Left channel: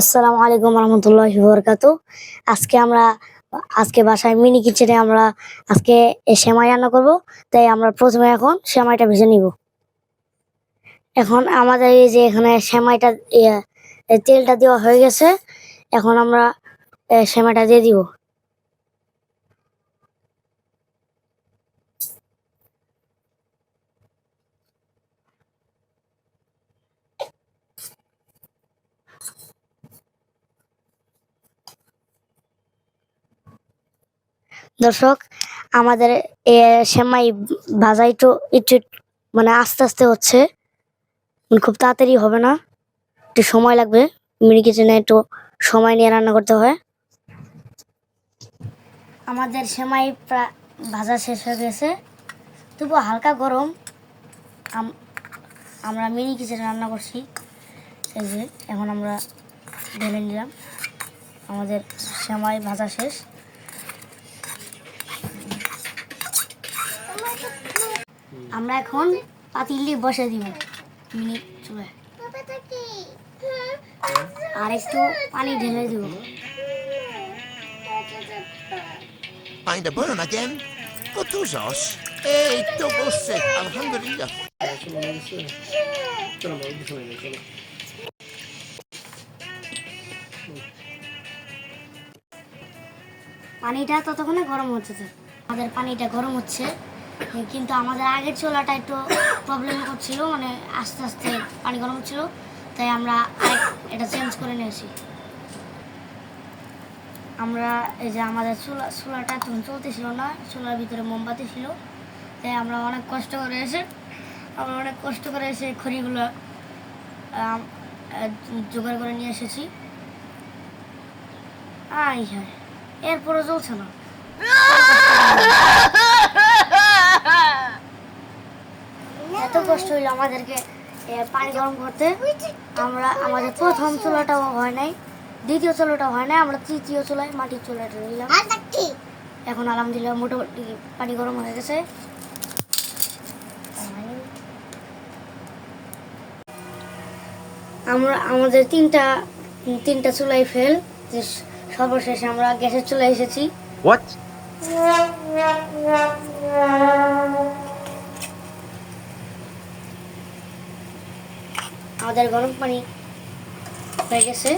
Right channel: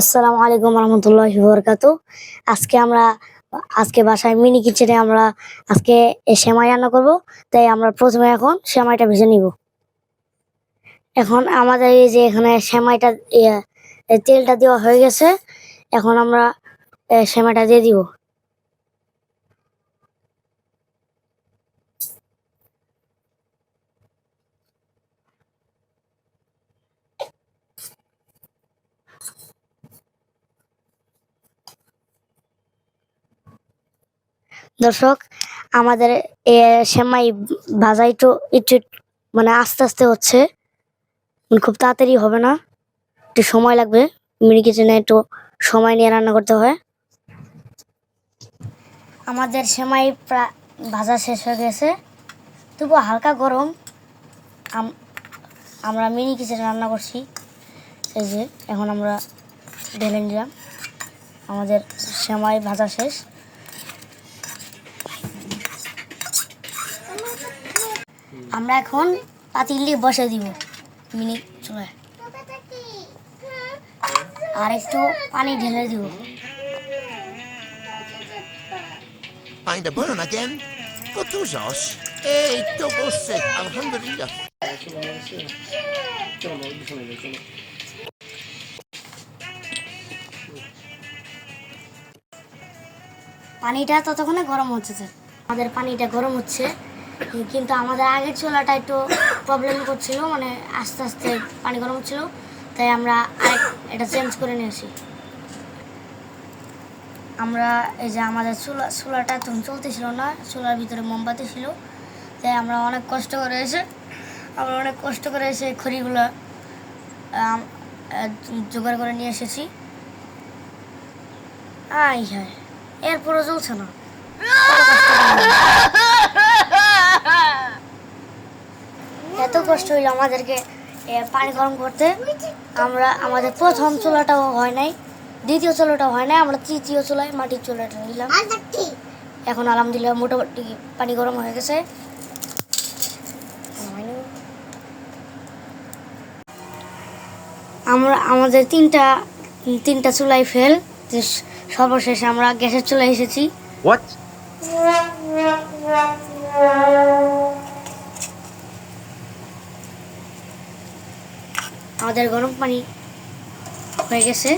আসসালামু আলাইকুম রহমতুল্লাহি বরকাতু। আজকে বাসায় মিনি কিচেনে আমরা আজকে সেমাই রান্না করব। তাই আমরা প্রথমে এখন সেমাইটা ভেজে নিব। এখন আমাদের এই যে এখানে সেমাইটা তেলটা দেওয়া হয়ে গেছে। এখন আমরা সেমাইটা দিয়ে দিব। দর্শক, আমাদের সেমাই ভাজা একটু একটু মানে আস্তে আস্তে হচ্ছে, খুব তাড়াতাড়ি হবে না, একটু সময় লাগবে। মিনি কিচেনে একটু সময় নিয়ে রান্না করতে হয়। আমাদের সেমাই ভাজা শেষ হয়ে গেছে, তবু হালকা গরম। আমরা মিনি কিচেনে রান্না করছি। এই যে এখন আমরা ঢেলে নিলাম, আমাদের সেমাই ভাজা শেষ। আমরা এখন পাতিলে বসে দিব মিনি চুলায়, আর একটু পানি ঢেলে দিব। Find a burn again? Kut użasz? Ej, to bosse, alhamdulillah. পানিটা ততক্ষণে গরম হচ্ছে। আমাদের পানিটা গরম হচ্ছে, কিন্তু আমাদের আগের চুলাটা একটু প্রবলেম করছিল, মানে আস্তে আস্তে পানি গরম হচ্ছিল। তাই আমরা এটা চেঞ্জ করে নিয়েছি। আমরা এই যে আমাদের চুলাটা তখন চলতেছিল না, চুলার ভিতরে মোমবাতি ছিল। তাই আমরা অনেক কষ্ট করে এসে খড়িগুলো জোগাড় করে নিয়ে এসেছি। হ্যাঁ, এরপরও চলছে না। এত কষ্ট হইলো আমাদেরকে পানি গরম করতে। আমাদের প্রথম চুলাটাও হয় নাই, দ্বিতীয় চুলাটাও হয় নাই, আমরা তৃতীয় চুলায় মাটির চুলাটা নিলাম। এখন আলহামদুলিল্লাহ মোটামুটি পানি গরম হয়ে গেছে। আমাদের তিনটা চুলাই ফেল। সর্বশেষে আমরা গ্যাসের চুলায় এসেছি। আমাদের গরম পানি হয়ে গেছে।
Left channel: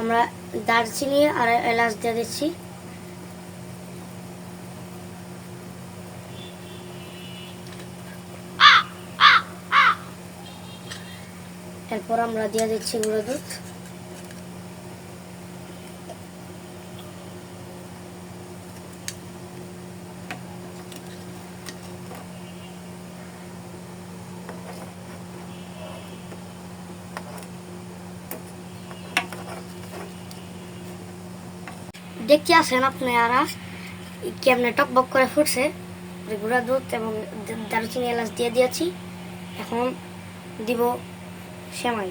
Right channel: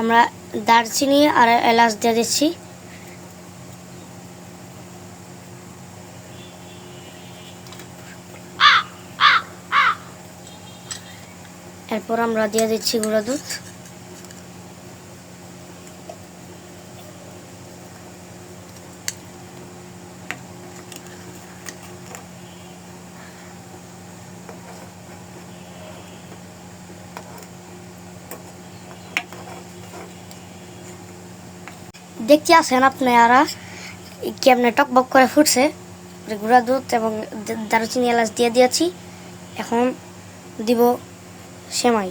আমরা দারচিনি আর এলাচ দিয়ে দিচ্ছি। এরপর আমরা দিয়ে দিচ্ছি গুঁড়া দুধ। দেখতে আছেন আপনারা কেমনে টকবক করে ফুটছে। গুঁড়া দুধ এবং দারুচিনি এলাচ দিয়ে দিয়েছি। এখন দিব সেমাই।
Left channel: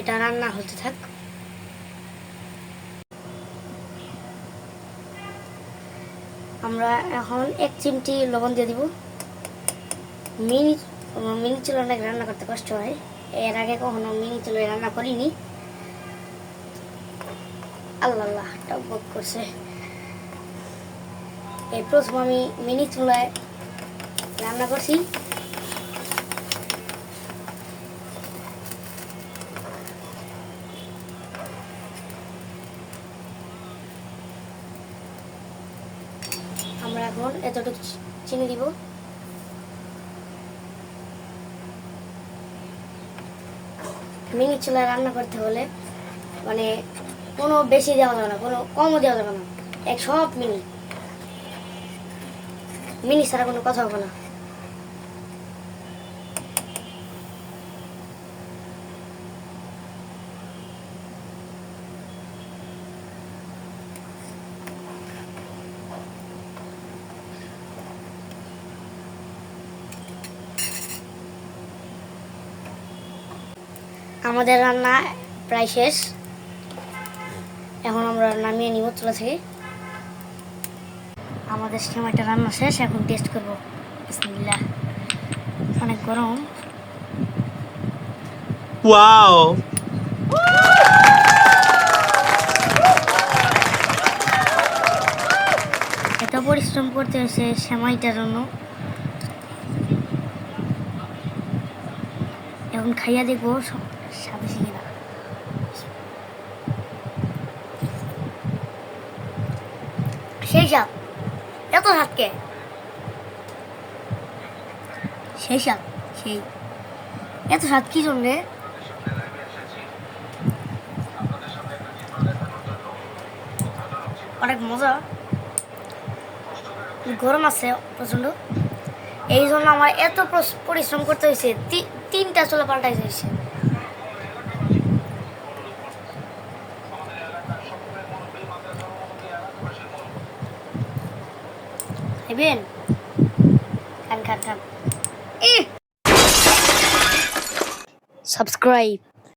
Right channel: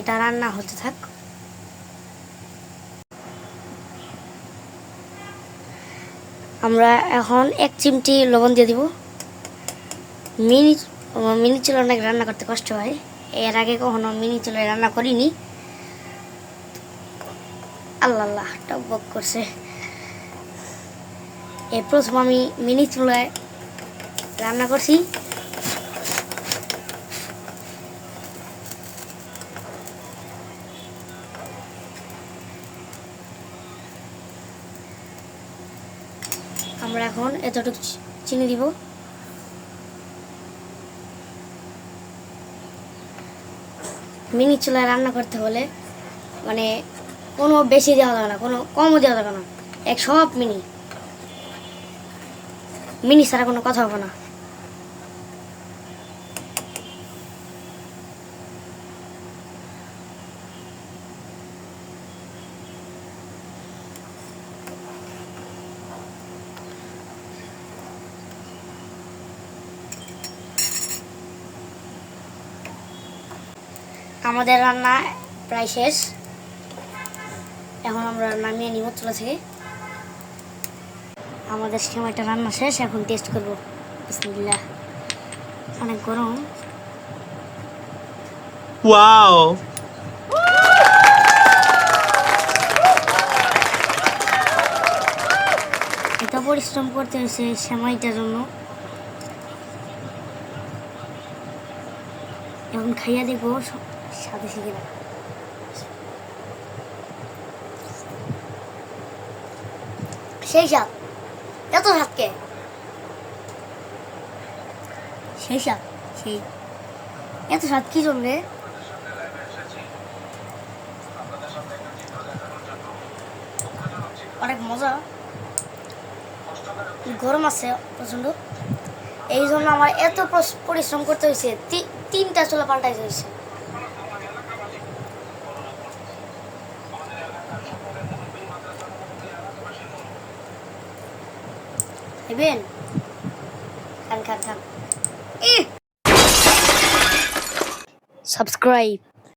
এটা রান্না হতে থাক। আমরা এখন 1 চিমটি লবণ দিয়ে দিব। মিনি চুলায় অনেক রান্না করতে কষ্ট হয়, এর আগে কখনো মিনি চুলায় রান্না করিনি। আল্লাহ টকবক করছে। এই প্রথম আমি মিনি চুলায় রান্না করছি। আমরা এখন এতটুকু চিনি দিব। মিনি চুলায় রান্না করতে হলে মানে কোনো বেশি দেওয়া যাবে না, কোনো কমও দেওয়া যাবে না। সব মিনি ছাড়া কোনো কথা হবে না। আমাদের রান্না প্রায় শেষ। এখন আমরা নামিয়ে নিব চুলা থেকে। আমাদের সেমাইটা রান্না শেষ, এখন টেস্ট করব। বিসমিল্লাহ। অনেক গরম। ওয়াও, এত পরিশ্রম করতে হয়েছে সেমাইটার জন্য। এখন খাইয়া দেখবো স্বাদ হয়েছে কিনা। সেই স্বাদ, এত স্বাদ কে? সেই স্বাদ, সেই এত স্বাদ কি জন্যে? অনেক মজা। গরম আছে প্রচন্ড, এই জন্য আমার এত পরিশ্রম করতে হয়েছে। তিনটা চুলা পাল্টাইতে হয়েছে। খাইবেন? খান খান খান। সাবস্ক্রাইব।